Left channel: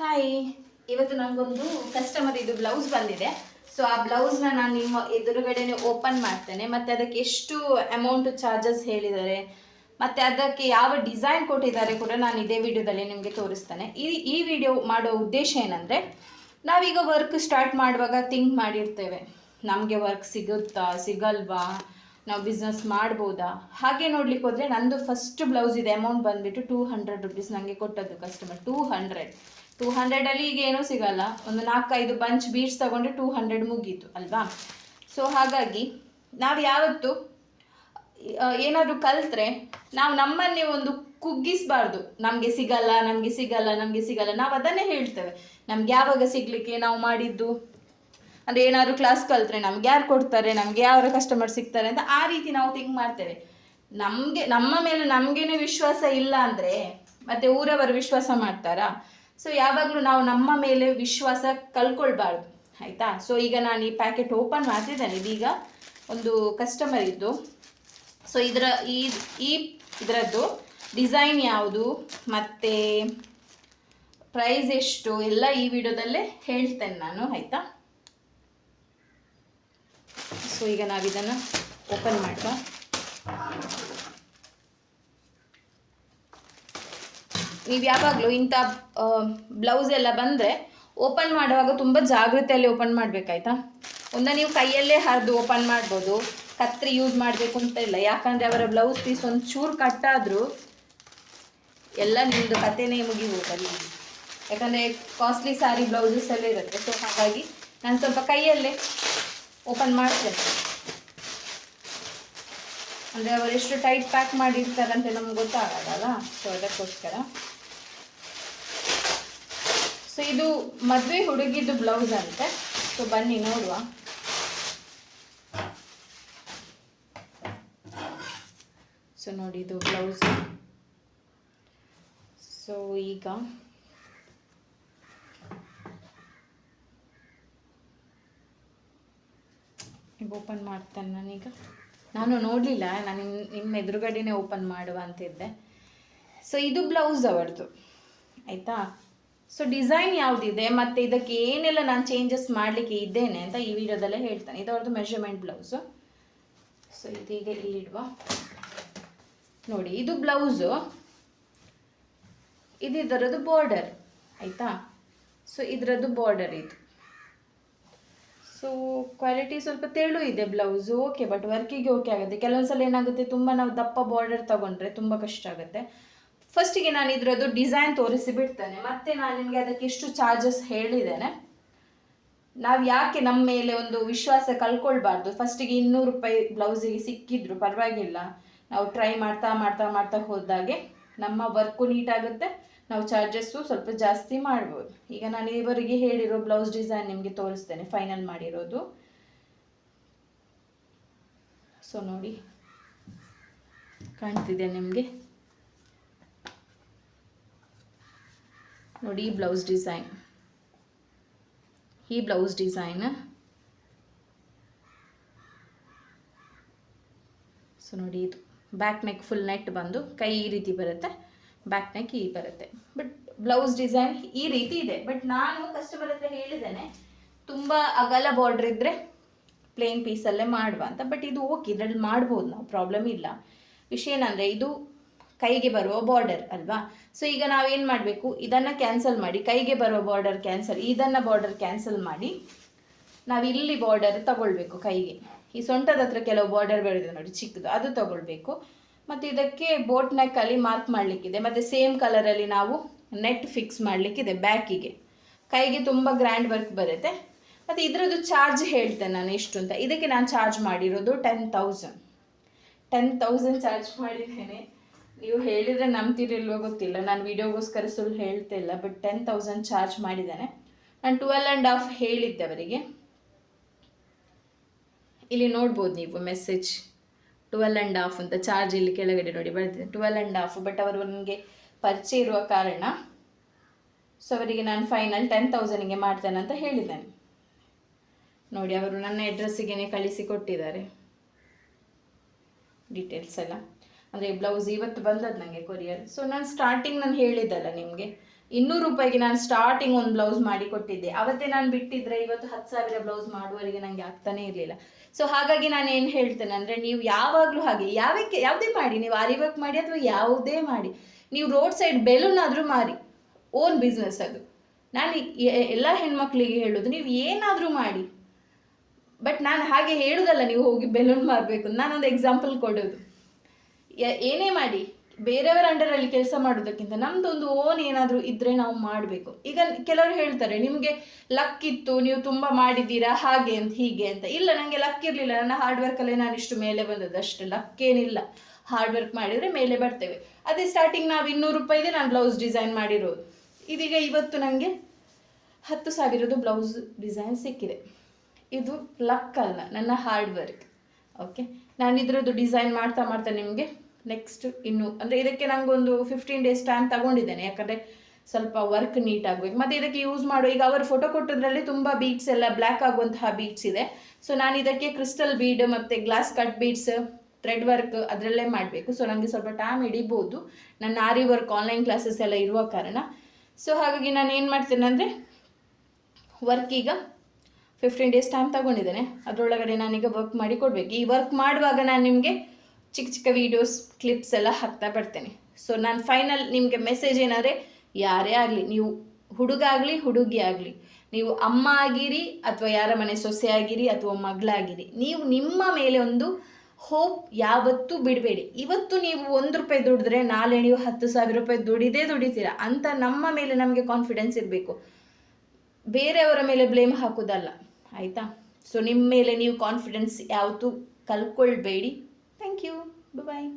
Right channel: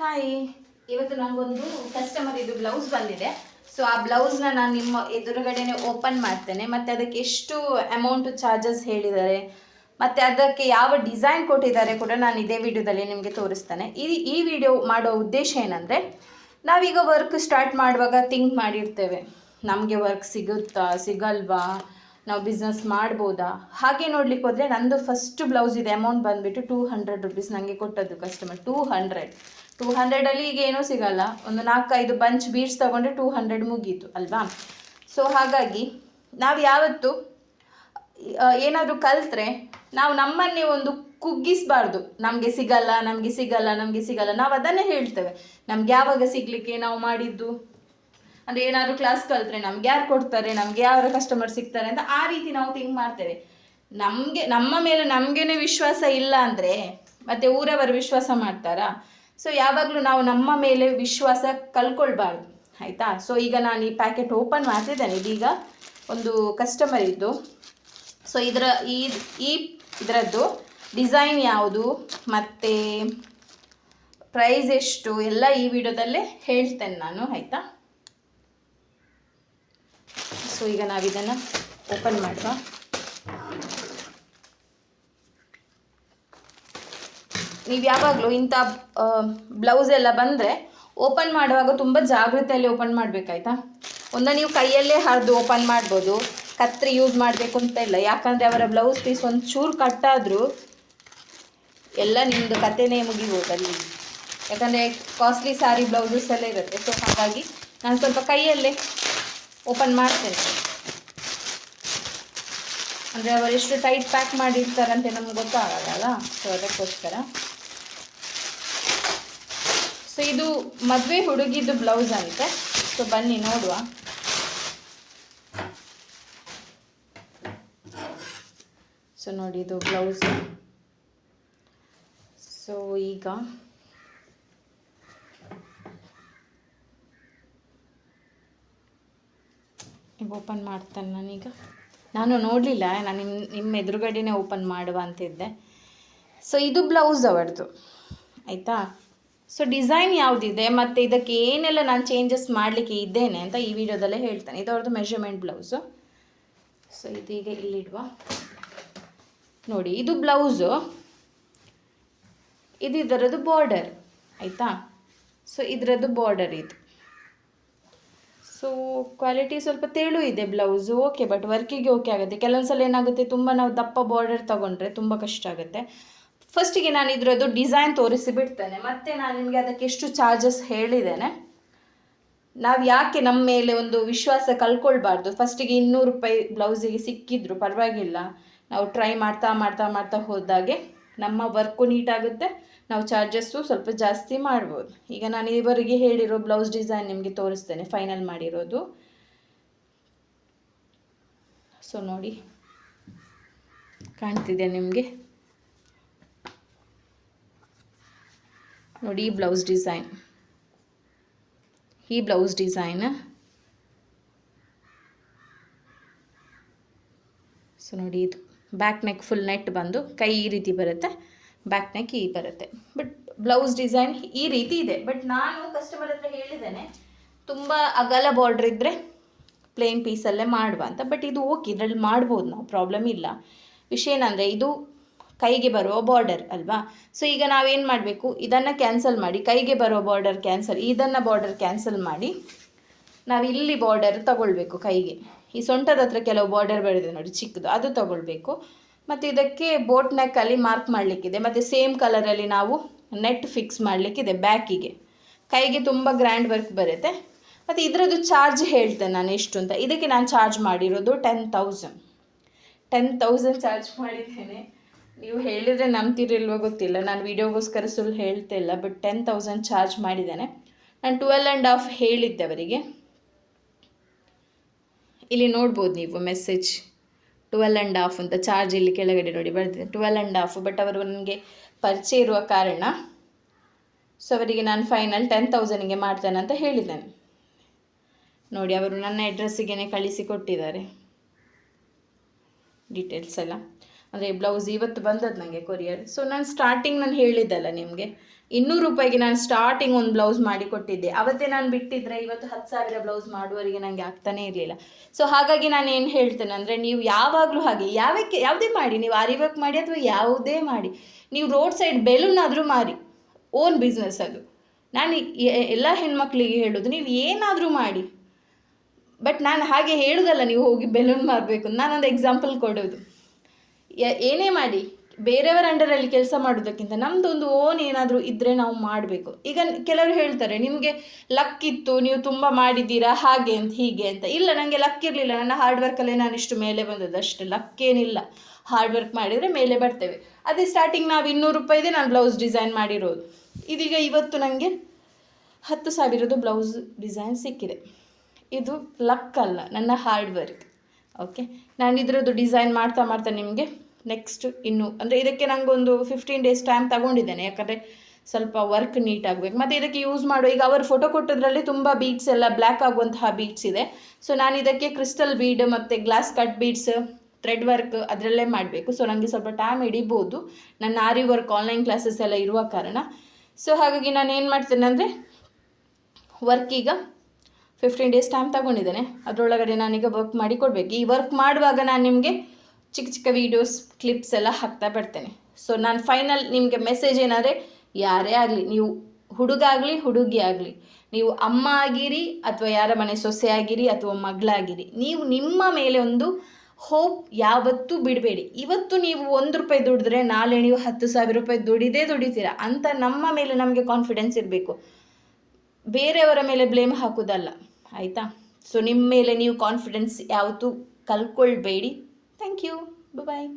Hi, ಇವತ್ತು ನನಗೊಂದು customer ಇದು ಬ್ಲೌಸ್ ಬಂದಿದೆ. ಸೊ ಆ ಬ್ಲೌಸ್ನ ನಾನು ನಿಮ್ಮ ಎದುರುಗಡೆನೆ ಓಪನ್ ಮಾಡ್ತೇನೆ. ಮತ್ತು ಅದಕ್ಕೆ ಎಷ್ಟು ಅಮೌಂಟು ಚಾರ್ಜಸ್ ಹೇಳಿದ್ದಾರೆ ಮತ್ತು ಅದಕ್ಕೆ ಯಾವ ಡಿಸೈನ್ ಕೊಟ್ಟಿದ್ದಾರೆ ಕೂಡ ನಾನು ಇದೇ ವಿಡಿಯೋದಲ್ಲಿ ನಿಮಗೆ ತೋರಿಸ್ತೇನೆ. ಈ ವಿಡಿಯೋ ಮಾಡೋ ಉದ್ದೇಶ ಏನಂದರೆ, ನಾವೀಗ ವರ್ಕ್ ಸ್ಟಾರ್ಟ್ ಮಾಡುವಾಗ ಥಿಂಕ್ ಮಾಡಿರ್ತೇವೆ, ನಮಗೆ ವರ್ಕ್ ಸಿಗುತ್ತಾ ಸಿಗಲ್ವಾ, ನಾವು ಬಿಸ್ನೆಸ್ ಮಾಡ್ಬೋದಾ. ಹಾಗೆ ನೋಡ್ಲಿಕ್ಕೆ ಹೋದರೆ ನಂದು ಫಸ್ಟ್ ಬ್ಲೌಸ್ ಇದೆ, ಅಮೌಂಟ್ ಬಂದುಬಿಟ್ಟು 200 ರುಪೀಸ್ ನನಗೆ ಕೊಟ್ಟದ್ದು ಕಸ್ಟಮರ್. 200 ಈಗ ಏನೂ ಸಿಗಲ್ಲ. ಒಂದು 4-5 ಬಂಚ್ ಬೀಡ್ಸ್ ತೊಗೊಂಡ್ರೆ 200 ಮುಗೀತು ಅಲ್ವಾ. ಸೊ ಹಾಗಾಗಿ ನಾವು ಯಾವತ್ತು ಏನಾದರೂ ಕಲಿತ್ರೆ ನಾವು ನಮ್ಮನ್ನೇ ಒಂದು ಕುಗ್ಗಿಸಬಾರ್ದು. ನಮಗೆ ಸಿಗಲ್ಲ, ನಮಗೆ ಸಿಗಲ್ಲ, ನಮಗೆ ಸಿಗಲ್ಲ. ನಾವು ಅದನ್ನೇ ಹೇಳ್ತೇವೆ, ನಮ್ಗೆ ಯಾವಾಗ ಸಿಗಲಿಕ್ಕೆ ನಾವು ಮಾಡಿದ್ದು. ಅಂದರೆ ಏನಾದರೂ ಕ್ಲಾಸ್ ಕಲಿತ್ರೆ ನಮ್ಗೆ ಯಾರು ಕೊಡ್ತಾರೆ, ನಮಗೆ ಯಾರು ಕಸ್ಟಮರ್ ಸಿಗ್ತಾರೆ ಅಂತ ಆ ರೀತಿ ನಾವು ಥಿಂಕ್ ಮಾಡ್ತೇವೆ. ನಮ್ಮ ಮೇಲೆ ನಮಗೇನೆ ವಿಶ್ವಾಸ ಇಲ್ಲ ಅಂದರೆ ಮತ್ತೆ ಊರವರು ವಿಶ್ವಾಸ ಮಾಡ್ತಾರಾ? ಸೊ ಯಾವಾಗಲೂ ನಾವು ನಮ್ಮ ಮೇಲೆ ವಿಶ್ವಾಸ ಕಳ್ಕೊಳ್ಬಾರ್ದು, ಆಯಿತಾ. ಸೊ ಈಗ ನಾನು ಈ ಪ್ಯಾಕೆಟ್ ಓಪನ್ ಮಾಡ್ತಿದ್ದೇನೆ. ಇದೀಗ ಒಂದು ಕಸ್ಟಮರ್ ಇದ್ದು, ಸೊ ಇದರದ್ದು ಡಿಸೈನ್ ಯಾವುದು ಮತ್ತು ಪ್ರೈಸ್ ಎಷ್ಟು ಎಲ್ಲ ಈ ವಿಡಿಯೋದಲ್ಲೇ ಹೇಳ್ತೇನೆ ನಾನು, ಆಯಿತಾ. ಸೊ ಈಗ ನಾವಿದನ್ನು ಓಪನ್ ಮಾಡುವ. ನೀವು ಯಾವಾಗಲೂ ಇಂಥ ಬ್ಲೌಸ್ ಎಲ್ಲ ಬಂದರೆ ಓಪನ್ ಮಾಡುವಾಗ ತುಂಬ ಜಾಗ್ರತೆಯಲ್ಲಿ ಓಪನ್ ಮಾಡಬೇಕಾಯ್ತಾ. ನೀವು ಕೈಯಲ್ಲೇ ಹರಿದು ಓಪನ್ ಮಾಡ್ಬೋದು, ಕತ್ರಿ ಯೂಸ್ ಮಾಡಬೇಕು ಅಂತ ಇಲ್ಲ. ಯಾಕಂದರೆ ಅವರ ಬ್ಲೌಸ್ ಪೀಸ್ ಒಂದು ಚೂರು ಕಟ್ಟಾದರೂ ಎಲ್ಲ ನಿಮ್ಮದು ಕತೆನೇ ಮುಗಿಬೋದಲ್ಲಿ. ಯಾಕಂದರೆ ಕಾಸ್ಟ್ಲಿ ಸ್ಯಾರಿ ಬ್ಲೌಸಸ್ ಎಲ್ಲ ಇರುತ್ತೆ. ಸೊ ಹಾಗಾಗಿ ನಾನು ಸ್ವಲ್ಪ ಕೈಯಲ್ಲೇ ಓಪನ್ ಮಾಡ್ತೇನೆ. ಅಂದರೆ ಅವರು ಎಷ್ಟು ಟೈಟ್ ಪ್ಯಾಕ್ ಮಾಡಿರ್ತಾರಂತೆ ನಮ್ಗೆ ಗೊತ್ತಾಗಲ್ಲ. ಸೊ ಅದಕ್ಕೋಸ್ಕರ. ಸೊ ಇದು ಮದುವೆ ಹುಡುಗಿದ್ದು ಬ್ಲೌಸ್ ಅಂತೆ. ಸೊ ಬನ್ನಿ ನೋಡುವ. ಸೊ ನೋಡಿ, ಇದು ಬ್ಲೌಸ್. ಸೊ ಈಗ ಓಪನ್ ಮಾಡ್ತೇನೆ ನಾನೀಗ. ನಾನು ನೋಡಲಿಲ್ಲ, ನಾನು ನಿಮ್ಮ ಎದುರುಗಡೆನೇ ಓಪನ್ ಮಾಡುವ ಅಂತಿದ್ದೆ. ಸೊ ಇದು ಬ್ಲೌಸ್ ಅವರದು, ಆಯಿತಾ. ಸೊ ಡಿಸೈನ್ ಯಾವುದಿದೆ ಮತ್ತು ಇದಕ್ಕೆ ಏನೆಲ್ಲ ನಾನು ಚೇಂಜಸ್ ಮಾಡಲಿಕ್ಕೆ ಇದ್ದೇನೆ ಅಂತ ಈ ವಿಡಿಯೋದಲ್ಲೇ ಹೇಳ್ತೇನೆ. ಇದು ಅವ್ರದ್ದು ಮೆಷರ್ಮೆಂಟ್ ಬ್ಲೌಸು. ಸೊ ಇದೀಗ ಇಲ್ಲಿಡುವ. ನೋಡಿ, ಇದು ಬ್ಲೌಸು, ಇದು ಇದರದ್ದು ಬಾರ್ಡರ್, ಆಯಿತಾ. ಸೊ ಇದರದ್ದು ಬಾರ್ಡರ್ ಇದು. ಸೊ ಕ್ವಾಲಿಟಿ ಸ್ವಲ್ಪ ತೆಳು ಇದೆ ಬ್ಲೌಸು, ಓಕೆ. ಬಟ್ ವರ್ಕಿಗೆ ಓಕೆ ಆಗುತ್ತೆ. ಕೆಲವೊಂದ್ಸಲ ಏನಾಗುತ್ತೆ, ತುಂಬ ನಾವು ದಪ್ಪ ಬಾರ್ಡರ್ ತೊಗೊಂಡ್ರೆ ತುಂಬ ಕಷ್ಟ ಆಗುತ್ತೆ. ಫಸ್ಟಿಗೆ ನಾನು ಇದರದ್ದು ಡಿಸೈನ್ ತೋರಿಸಿ ಬಿಡ್ತೇನೆ, ಮತ್ತು ನಾನು ನಿಮಗೆ ಅದಕ್ಕೆ ಎಷ್ಟು ಚಾರ್ಜಸ್ ಹೇಳಿದ್ದೇನೆ. ನಾವು ಯಾಕೆ ನಮ್ಮ ಮೇಲೆ ಒಂದು ವಿಶ್ವಾಸ ಕಳ್ಕೊಳ್ಬಾರ್ದು. ಫಸ್ಟಿಗೆ 200 ರೂಪಾಯಿ ಬ್ಲೌಸಿಗೆ ಸಿಕ್ಕಿದ್ರು ಪರವಾಗಿಲ್ಲ, ನಾವು ಟ್ರೈ ಮಾಡ್ತಾ ಮಾಡ್ತಾ ಮಾಡ್ತಾ ಹೋದಾಗೆ ನಮ್ಮ ವರ್ಕು ನೀಟಾಗುತ್ತೆ, ನಾವು ಚಾರ್ಜಸ್ಸು ಸ್ವಲ್ಪ ಜಾಸ್ತಿ ಮಾಡ್ಬೋದು. ಈಗ ನಾನು ಇವರಿಗೆ ಹೇಳಿರೋ ಬ್ಲೌಸ್ ಡಿಸೈನ್ ನಿಮಗೆ ತೋರಿಸ್ತೇನೆ, ಫೈನಲ್ ಮಾಡಿರೋದು. ಸೊ ನೋಡಿ, ಕಾಣ್ತಿದೆ ನಿಮಗೆ. ನೋಡಿ ಈ ಬ್ಲೌಸ್ ಡಿಸೈನ್, ಸೊ ನೋಡಿ, ಇದು ಬ್ಯಾಕ್ ನೆಕ್ ಫುಲ್ ನೆಟ್ ಬಂದು ಕೈ ಈ ರೀತಿ ಬರುತ್ತೆ, ಬ್ಯಾಕ್ ನೆಕ್ ಈ ಬರುತ್ತೆ. ಬಟ್ ಬ್ಲೌಸ್ ಡಿಸೈನ್ ಈ ರೀತಿ ಇದೆ. ಬಟ್ ನಾನು ಕಸ್ಟಮರ್ ಹತ್ರ ಹೇಳಿದ್ದೇನೆ, ತುಂಬ ಅಗಲ ಬಾರ್ಡ್ರ್ ಇದ್ದರೆ ಪ್ಲೇನ್ ಪೀಸಲ್ಲೇ ಮಾಡುವ ಅಂತ. ಬಟ್ ಇದು ಓಕೆ, ಇದರಲ್ಲಿ ಮಾಡ್ಬೋದು ನಾವು, ಪ್ರಾಬ್ಲಮ್ ಇಲ್ಲ. ವಿಷಯ ಏನಂದರೆ ಇದು ಕೈಗೆ ಬರುವ ಬಾರ್ಡರ್ ಅಲ್ವಾ. ಸೊ ಈಗ ನಾವೇನು ಮಾಡಬೇಕು, ಇದನ್ನು ಕ್ಯಾನ್ಸಲ್ ಮಾಡಿ, ಕೈಗೆ ಬರೋ ಬಾರ್ಡರ್ ಕ್ಯಾನ್ಸಲ್, ಇದನ್ನು ಬಾರ್ಡರ್ ಕ್ಯಾನ್ಸಲ್ ಮಾಡಿ ನಾವು ಇಲ್ಲಿ ಬಾರ್ಡರ್ ತಗೊಳ್ಬೇಕು ಕೈಗೆ. ಈ ಸೊಂಟದ ಹತ್ರ ಕೆಲವು ಬಾರ್ಡರ್ ಬರೋದು ನೋಡಿ ಚಿಕ್ಕದು, ಅದು ತಗೊಳ್ಬೇಕು. ಮತ್ತು ಇದಕ್ಕೆ ಬೋಟ್ ನೆಕ್ಕಲ್ಲಿ ಮಾರ್ಕ್ ಮಾಡಲಿಕ್ಕಿದೆ, ಮತ್ತು ಸೇಮ್ ಕಲರಲ್ಲಿ ನಾವು ನೆಟ್ ಫಿಕ್ಸ್ ಮಾಡಲಿಕ್ಕಿದೆ ಬ್ಯಾಕಿಗೆ. ಕೈಗೆ ತುಂಬ ಗ್ರ್ಯಾಂಡ್ ವರ್ಕ್ ಬರುತ್ತೆ. ಮತ್ತು ಇದರದ್ದು ಚಾರ್ಜ್ ಹೇಳ್ತೇನೆ ನಾನು ಎಷ್ಟು ಅಂತ. ಇದಕ್ಕೆ ನಾನು ಚಾರ್ಜ್ ಮಾಡಿರೋದು 10,000 ಚಾರ್ಜ್ ಮಾಡಿದ್ದೇನೆ. ನೀವು ಹೇಳಿದರೆ ನಂಬ್ತಿರಿಲ್ವೋ ಗೊತ್ತಿಲ್ಲ, ನಾನು ವಿಡಿಯೋಗೋಸ್ಕರ ಸುಳ್ಳು ಹೇಳ್ತಾ ಇಲ್ಲ. ಬಟ್ 10,000 ಚಾರ್ಜ್ ಮಾಡಿದ್ದೇನೆ. ನಾನು 12.5 ಹೇಳಿದ್ದೆ ಅವರಿಗೆ. ಇಲ್ಲಿ ನೋಡ್ಬೋದು ನೀವು ಮೆಸೇಜ್ 12.5 ಅಂತ ಚಾರ್ಜ್ ಇಲ್ಲಿ ಕೆಳಗಡೆ ನೋಡಿ ಬರ್ತಿದೆ 12.5. ಬಟ್ ಅವರು ನನಗೆ ಪರಿಚಯ ಇರುವ ಕಾರಣ ಸೊ ಅವರಿಗೆ ನಾನು ಫೈನಲ್ 10,000ಗೆ ಮಾಡ್ತೇನೆ ಅಂತ ಹೇಳಿದ್ದೇನೆ. ನೋಡಿ, ಅವರು ನನ್ನ ಅಡ್ರೆಸ್ಸಿಗೆ ಕಳಿಸಿ ಕೊಟ್ಟಿದ್ದಾರೆ ಡೀಟೇಲ್ಸ್ ಎಲ್ಲ. ಅಂದರೆ ಬ್ಲೌಸ್ ಇವತ್ತು ಬಂದದ್ದು ನನಗೆ ಕೊರಿಯರ್. ಸೊ ನಾನು ಸ್ಟಾರ್ಟಿಂಗ್ ಹೇಳಿದ್ದಲ್ಲ ನಿಮಗೆ, 200 ರೂಪಾಯಿಗೆ ನಾನು ಸ್ಟಾರ್ಟಿಂಗ್ ಒಂದು ಬ್ಲೌಸ್ ಮಾಡಿ ಕೊಟ್ಟಿದ್ದೆ. ಅವತ್ತೇ ನಾನು ಬಿಟ್ಟಿದ್ರೆ ಇವತ್ತು 10,000 ಬ್ಲೌಸ್ ಮಾಡುವವರೆಗೆ ನನಗೆ ಆಗ್ತಾನೇ ಇರಲಿಲ್ಲ. ಸೊ ಹಾಗಾಗಿ ನಾನು ಏನು ಹೇಳ್ತೇನೆ ಅಂದರೆ, ನೀವು ಯಾವಾಗಲೂ ಹಾಗೆ ಯಾವುದೇ ಮಾಡಿ, ನೀವು ಆರಿ ವರ್ಕ್ ಮಾಡಿ ಅಥವಾ ಯಾವುದೇ ಮಾಡಿ, ನೀವು ರೋಡ್ ಸೈಡ್ ಬೆಲೂನ್ ಆದರೂ ಮಾರಿ, ಓನ್ ಬಿಸ್ನೆಸ್ ಅದು. ನಾನು ಎಲ್ಲ ಹೆಣ್ಮಕ್ಳಿಗೆ ಹೇಳೋದು, ನೀವು ಏನಾದರೂ ಮಾಡಿ, ಬಟ್ ನಾನು ಹಾಗೆ ಹೇಳೋದಲ್ಲ ನೀವು ಹೋಗಿ ಬೆಲೂನ್ ಮಾರಬೇಕು. ನಾನೊಂದು ಎಕ್ಸಾಂಪಲ್ ಕೊಡೋದು, ಏನೇ ಮಾಡಿ ಬೇರೆಯವರ ಅಂಡರಲ್ಲಿ ಕೆಲಸ ಮಾಡೋದಕ್ಕಿಂತ ನಮ್ಮದೊಂದು ಓನ್ ಏನಾದರೂ ಇದ್ದರೆ ನಾವು ಮಾಡಬೇಕು. ಈಗ ಕೆಲವರು ಹೇಳ್ತಾರೆ, ನಿಮಗೆ ಲಕ್ ಇತ್ತು, ನೀವು ತುಂಬ ಮಾಡಿದ್ದೀರಾ ಹಾಗೆ ಅಂತ ಹೀಗೆ ಅಂತ. ಇಲ್ಲ, ನನಗೆ ಲಕ್ ಇರಲಿಲ್ಲ, ನನ್ನ ಹಾರ್ಡ್ ವರ್ಕಲ್ಲೇ ನಾನು ಇಷ್ಟು ಮೇಲೆ ಬಂದದ್ದು ಅಷ್ಟೇ. ಲಕ್ ಏನಿಲ್ಲ, ಹಾರ್ಡ್ ವರ್ಕ್ ಮಾಡಿದರೆ ಮೇಲೆ ಬರ್ತೇವೆ. ಅದೇ ಸ್ಟಾರ್ಟಿಂಗ್ ನಾವು 200 ರೂಪಾಯಿದೆ ನಾನು ಬ್ಲೌಸ್ ಡಿಸೈನ್ ಮಾಡಿರೋದು. ಇದೀಗ ಇವತ್ತು ನನಗೆ 10,000 ಬ್ಲೌಸ್ ಡಿಸೈನ್ ಸಿಕ್ಕಿದೆ. ಇದು ಲಕ್ ಅಲ್ಲ, ನನ್ನ ಹಾರ್ಡ್ ವರ್ಕ್. ಓಕೆ, ನಾನು ಇದರದ್ದು ಡಿಸೈನ್ ಮಾಡ್ತಾ ಮಾಡ್ತಾ ನಿಮಗೆ ನೆಕ್ಸ್ಟ್ ಇನ್ನು ಅಂದರೆ ಇದಕ್ಕೆ ನನಗೊಂದು 15 ಡೇಸ್ ಟೈಮ್ ತಗೊಂಡಿದ್ದೇನೆ, ಯಾಕಂದರೆ ಸ್ವಲ್ಪ ವರ್ಕ್ ನೀಟ್ ಆಗಬೇಕು. ಮತ್ತು ಇದಕ್ಕೆ ಯೂಸ್ ಮಾಡೋ, ಈಗ ಅವರು ಫೋಟೋ ಕೊಟ್ಟದ್ರಲ್ಲಿ ತುಂಬ ಬೀಡ್ಸ್ ಎಲ್ಲ ಬ್ಲ್ಯಾಕ್ ಆಗುವಂತಹ ಬೀಡ್ಸ್ ಇದೆ. ಸೊ ನಾನು ಇದಕ್ಕೆ ಕ್ರಿಸ್ಟಲ್ ಬೀಡ್ ಮತ್ತು glass cut beads, thread work ಅದರಲ್ಲೇ ಮಾಡಬೇಕು. ಸೊ ನನಗೆ ಸ್ವಲ್ಪ ಟೈಮ್ ಹಿಡಿಬೋದು, ನನ್ನ ಆರಿ ವರ್ಕ್ ಆನ್ಲೈನ್ ಕ್ಲಾಸಸ್ ಎಲ್ಲ ಇರುವ ಕಾರಣ. ಸೊ ಹಾಗಾಗಿ ನಾನು ಏನು ಮಾಡ್ತೇನೆ ಅಂದರೆ, ವರ್ಕ್ ಈಗ 15 ಡೇಸ್ ಟೈಮ್ ತಗೊಂಡಿದ್ದೇನೆ, ಅದರೊಳಗಡೆ ನಾನೀಗ ವರ್ಕ್ ಮಾಡಿ ಕೊಡಬೇಕು. ಈ ವರ್ಕ್ ಮಾಡುವಾಗ ನಾನು ನಿಮಗೆ ಚಿಕ್ಕ ಚಿಕ್ಕ ವೀಡಿಯೋಸ್ ಕ್ಲಿಪ್ಸ್ ಎಲ್ಲ ಹಾಕ್ತಾ ಬರ್ತೇನೆ. ಸೊ ನಾನು ಫೈನಲ್ ನಿಮಗೆ ಮೆಸೇಜ್ ಏನಾದರೆ, ಯಾರೇ ಆಗಲಿ, ನೀವು ಹುಡುಗ ಆಗಲಿ ಹುಡುಗಿ ಆಗಲಿ, ನೀವು ಅಮ್ಮ ಆಗಿರಿ ಅಥವಾ ಯಾರ ಮನೆ ಸೊಸೆ ಆಗಿರಿ ಅಥವಾ ಮಗಳಾಗಿರಿ, ನೀವು ನಿಮ್ಮ ಮೇಲೆ ಒಂದು ಹೋಪ್ ಯಾವತ್ತೂ ಬಿಡಬೇಡಿ. ಇವತ್ತು ನೀವು 1 ರೂಪಾಯಿ ದುಡಿದ್ರೆ ನಾಳೆ ನೀವು 10,000 ರೂಪಾಯಿ ದುಡಿತೀರಾ ಅಂತ ನಮ್ಮ ಮೇಲೆ ನಮಗೆ ಕಾನ್ಫಿಡೆನ್ಸ್ ಇರಬೇಕು, ಬೇರೆಯವರ ಮೇಲೆ ಬ್ಲೇಮ್ ಹಾಕೋದಲ್ಲ, ಆಯಿತಾ? ಸೊ ನಿಮ್ಮ ಮೇಲೆ ನೀವು ಕಾನ್ಫಿಡೆನ್ಸ್ ಯಾವತ್ತೂ ಕಳ್ಕೊಳ್ಬೇಡಿ. Thank you, bye.